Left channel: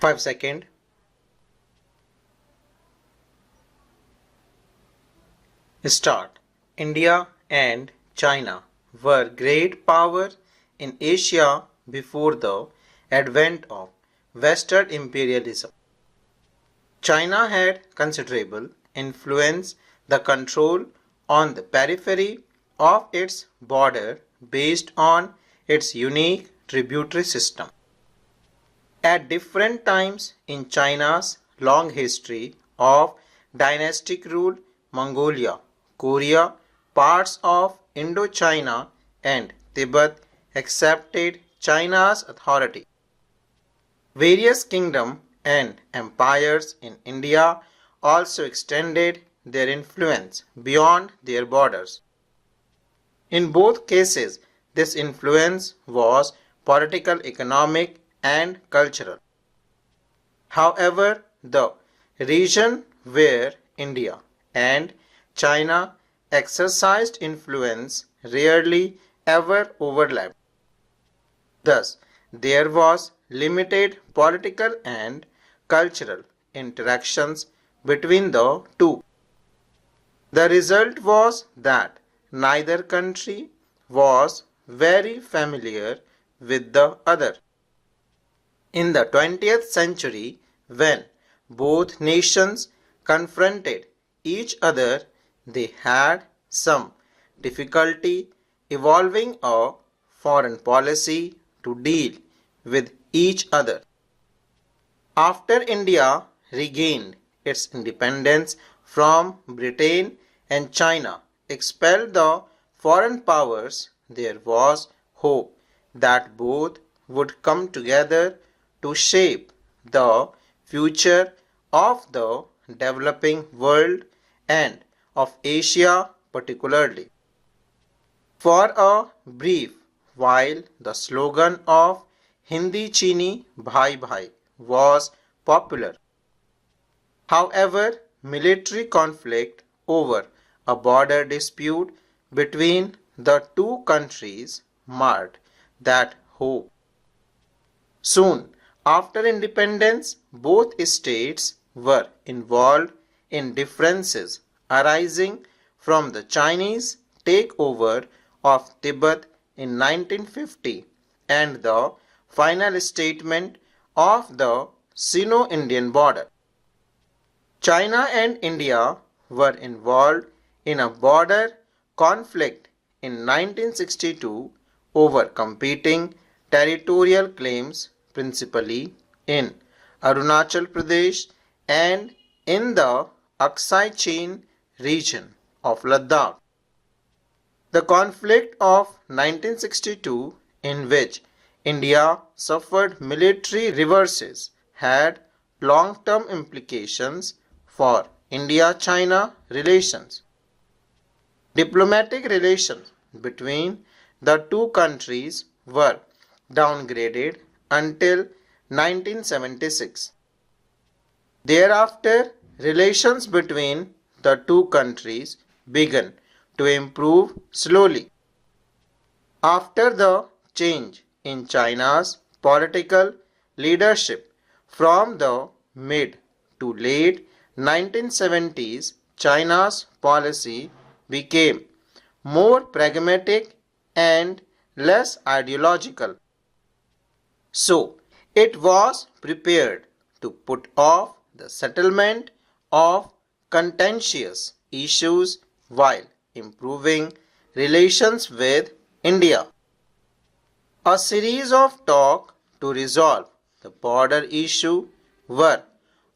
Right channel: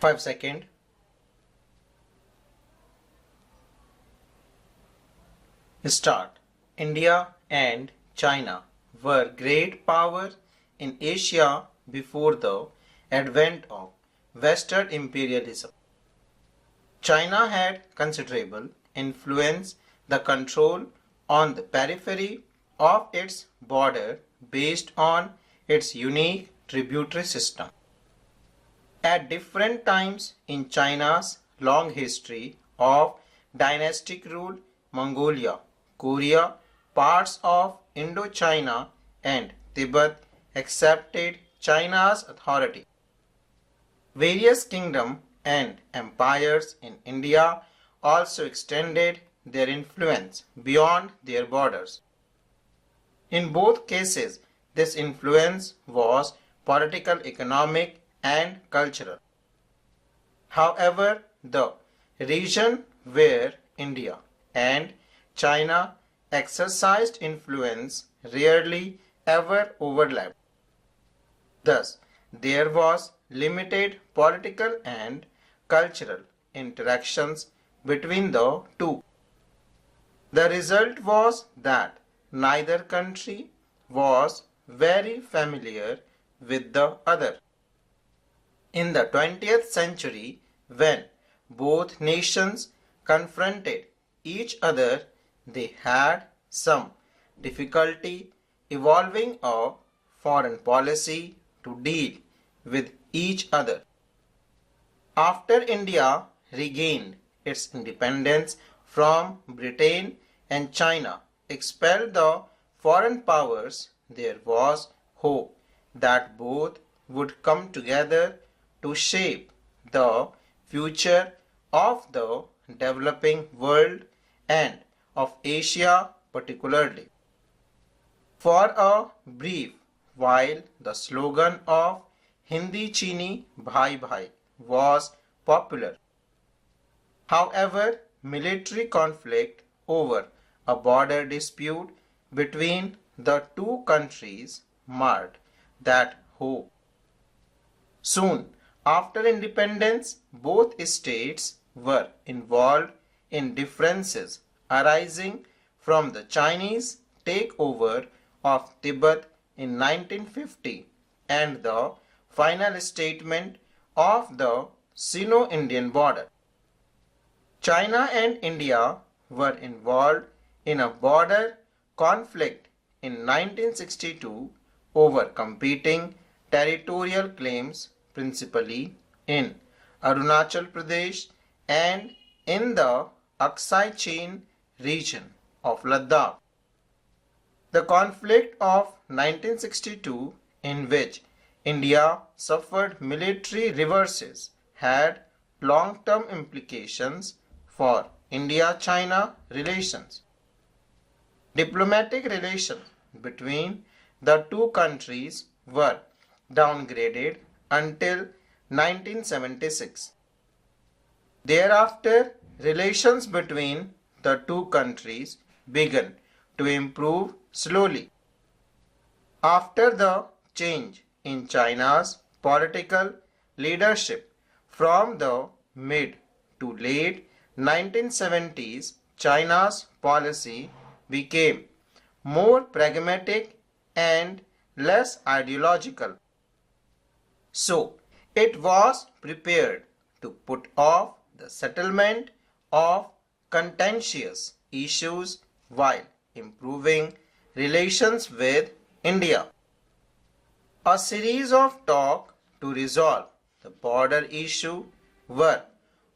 5 seconds. Start. India and China were great powers in Asia before the advent of Western imperialism. China had considerable influence, the control on the periphery of its border based on its unique tributary system. At different times in China's long history of dynastic rule, Mongolia, Korea, parts of Indochina and Tibet accepted China's authority. Various kingdoms and empires in India also extended their influence beyond their borders. In both cases, this influence was political, economic, and cultural. However, the region where India and China exercised influence rarely ever overlapped. Thus, there was limited political and cultural interactions between the two. The result was that neither country was very familiar with the other. In the 20th century, when both nations confronted each other, they had some difficulty evolving a foreign policy to deal with each other. After India regained its independence from Britain and China expelled the foreign powers, there was hope that both would come together to shape the future of the developing world and of Asia particularly. For a brief while, the slogan of Hindi Chini Bhai Bhai was popular. However, military conflict over a border dispute between the two countries marred that hope. Soon after independence, both states were involved in differences arising from the Chinese takeover of Tibet in 1950 and the final statement of the Sino-Indian border. China and India were involved in a border conflict in 1962 over competing territorial claims principally in Arunachal Pradesh and in the Aksai Chin region of Ladakh. The conflict of 1962, in which India suffered military reverses, had long-term implications for India-China relations. Diplomatic relations between the two countries were downgraded until 1976. Thereafter, relations between the two countries began to improve slowly. After the change in China's political leadership from the mid to late 1970s, China's policy became more pragmatic and less ideological. So, it was prepared to put off the settlement of contentious issues while improving relations with India. A series of talks to resolve the border issue were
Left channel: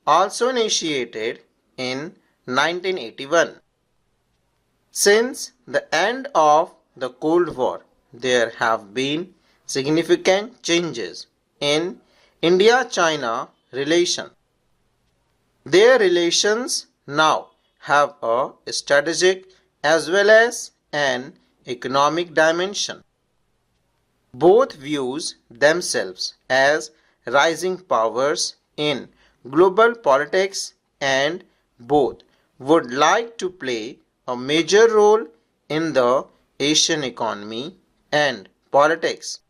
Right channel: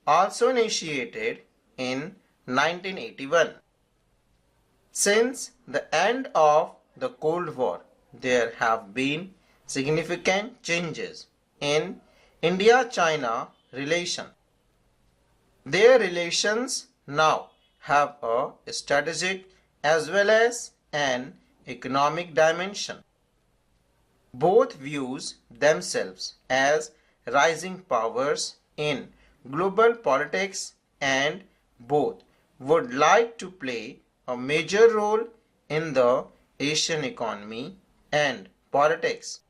also initiated in 1981. Since the end of the Cold War, there have been significant changes in India-China relations. Their relations now have a strategic as well as an economic dimension. Both views themselves as rising powers in global politics and both would like to play a major role in the Asian economy and politics.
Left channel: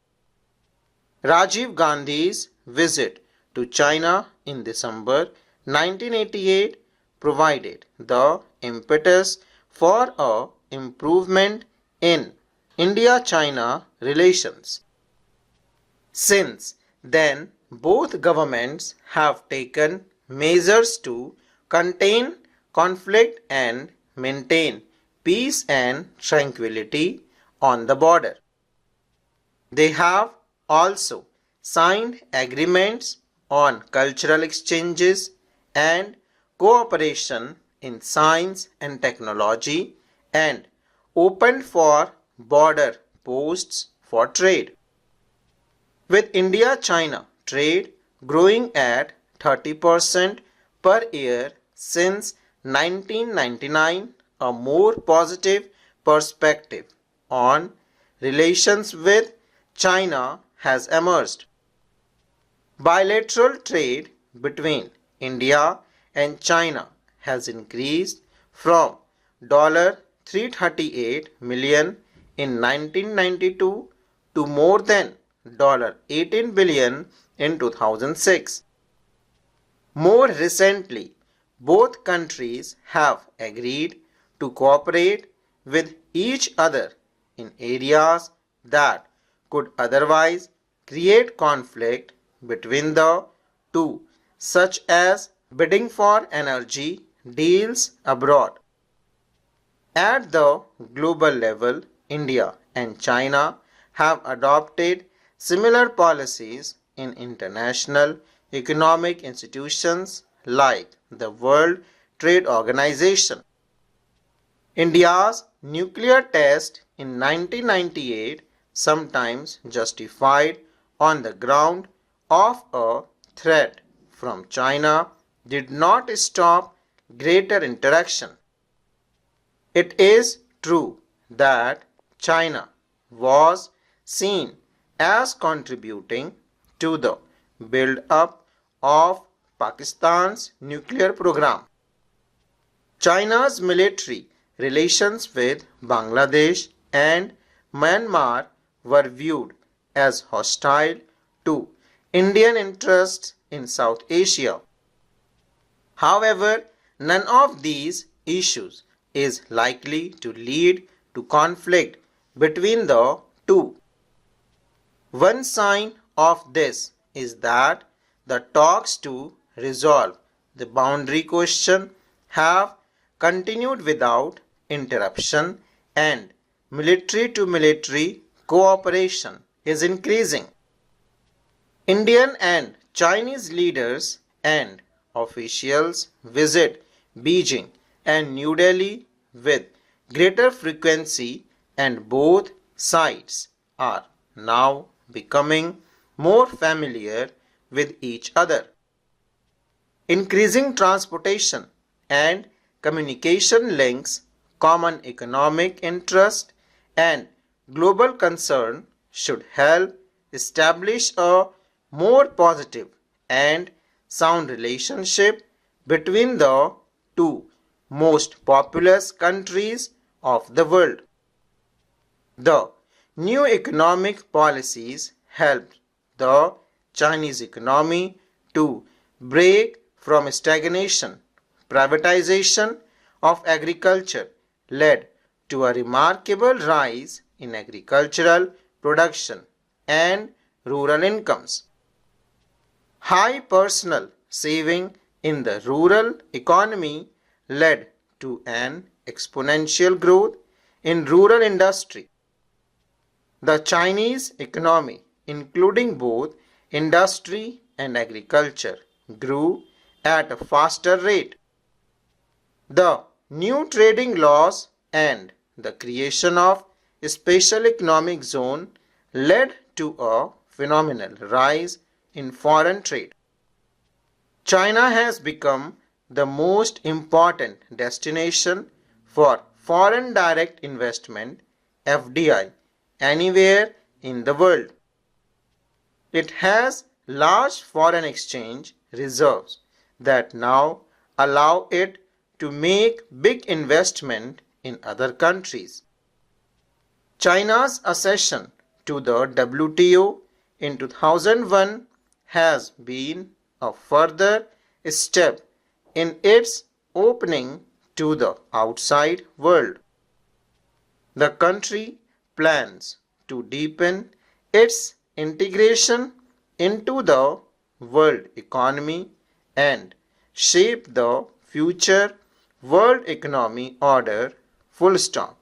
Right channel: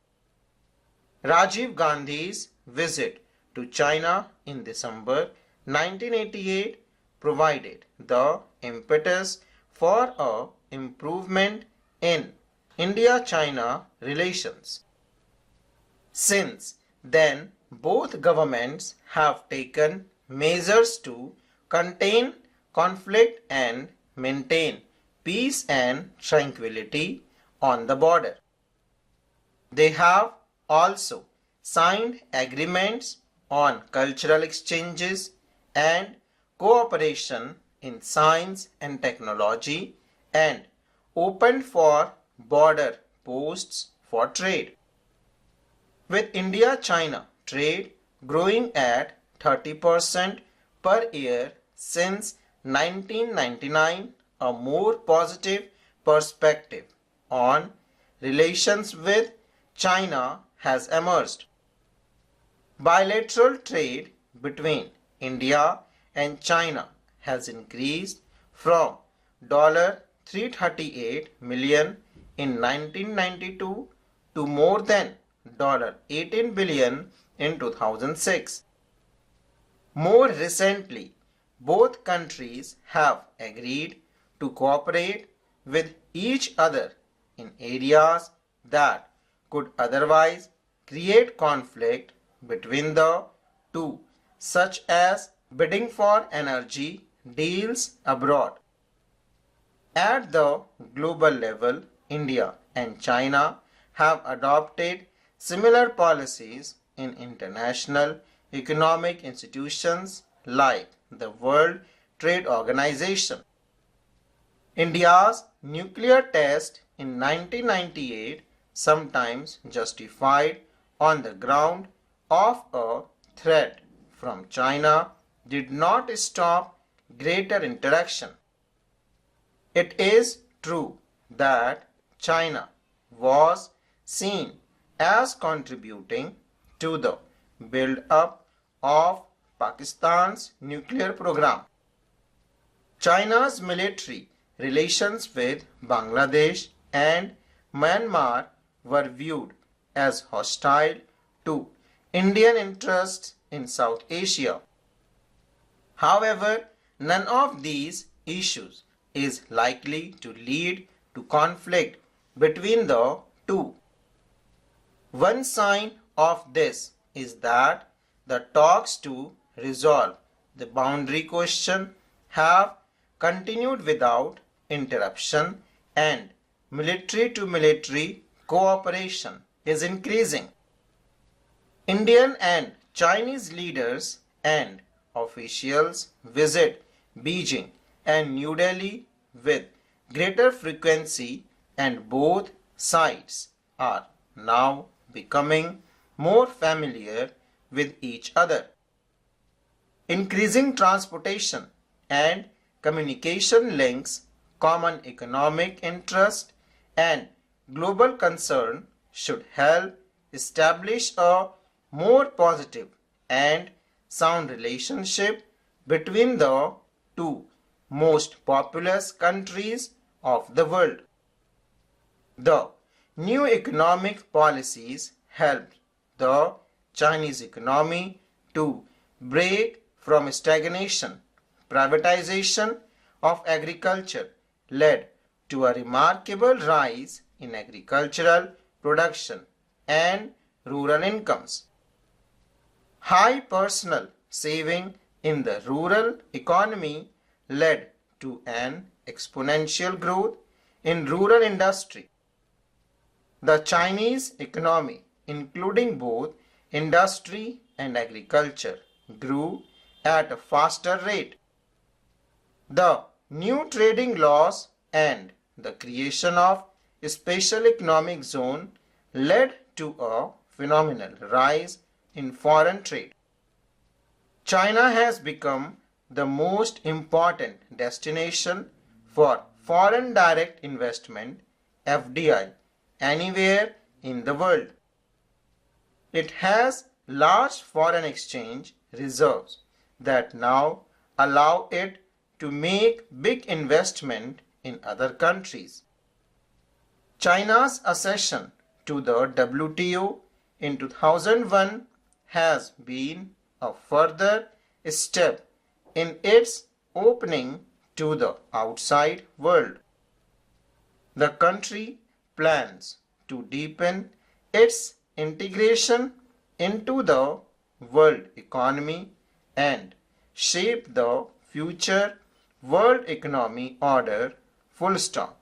Rajiv Gandhi's visit to China in December 1988 provided the impetus for a improvement in India-China relations. Since then, both governments have taken measures to contain conflict and maintain peace and tranquility on the border. They have also signed agreements on cultural exchanges and cooperation in science and technology and opened for border posts for trade. With India-China trade growing at 30% per year since 1999, a more positive perspective on relations with China has emerged. Bilateral trade between India and China has increased from $338 million in 1992 to more than $18 billion in 2006. More recently, both countries have agreed to cooperate with each other in areas that could otherwise create conflict between the two, such as bidding for energy deals abroad. At the global level, India and China have adopted similar policies in international economic institutions like the World Trade Organization. India's nuclear test in 1998, sometimes justified on the ground of a threat from China, did not stop greater interaction. It is true that China was seen as contributing to the build-up of Pakistan's nuclear program. China's military relations with Bangladesh and Myanmar were viewed as hostile to Indian interests in South Asia. However, none of these issues is likely to lead to conflict between the two. One sign of this is that the talks to resolve the boundary question have continued without interruption and military-to-military cooperation is increasing. Indian and Chinese leaders and officials visit Beijing and New Delhi with greater frequency, and both sides are now becoming more familiar with each other. Increasing transportation and communication links, common economic interest, and global concern should help establish a more positive and sound relationship between the two most populous countries of the world. The new economic policies helped the Chinese economy to break from stagnation. Privatization of agriculture led to a remarkable rise in agricultural production and rural incomes. High personal saving in the rural economy led to an exponential growth in rural industry. The Chinese economy, including both industry and agriculture, grew at a faster rate. The new trading laws and the creation of a special economic zone led to a phenomenal rise in foreign trade. China has become the most important destination for foreign direct investment (FDI) anywhere in the world. It has large foreign exchange reserves that now allow it to make big investment in other countries. China's accession to the WTO in 2001 has been a further step in its opening to the outside world. The country plans to deepen its integration into the world economy and shape the future world economy order. Full stop.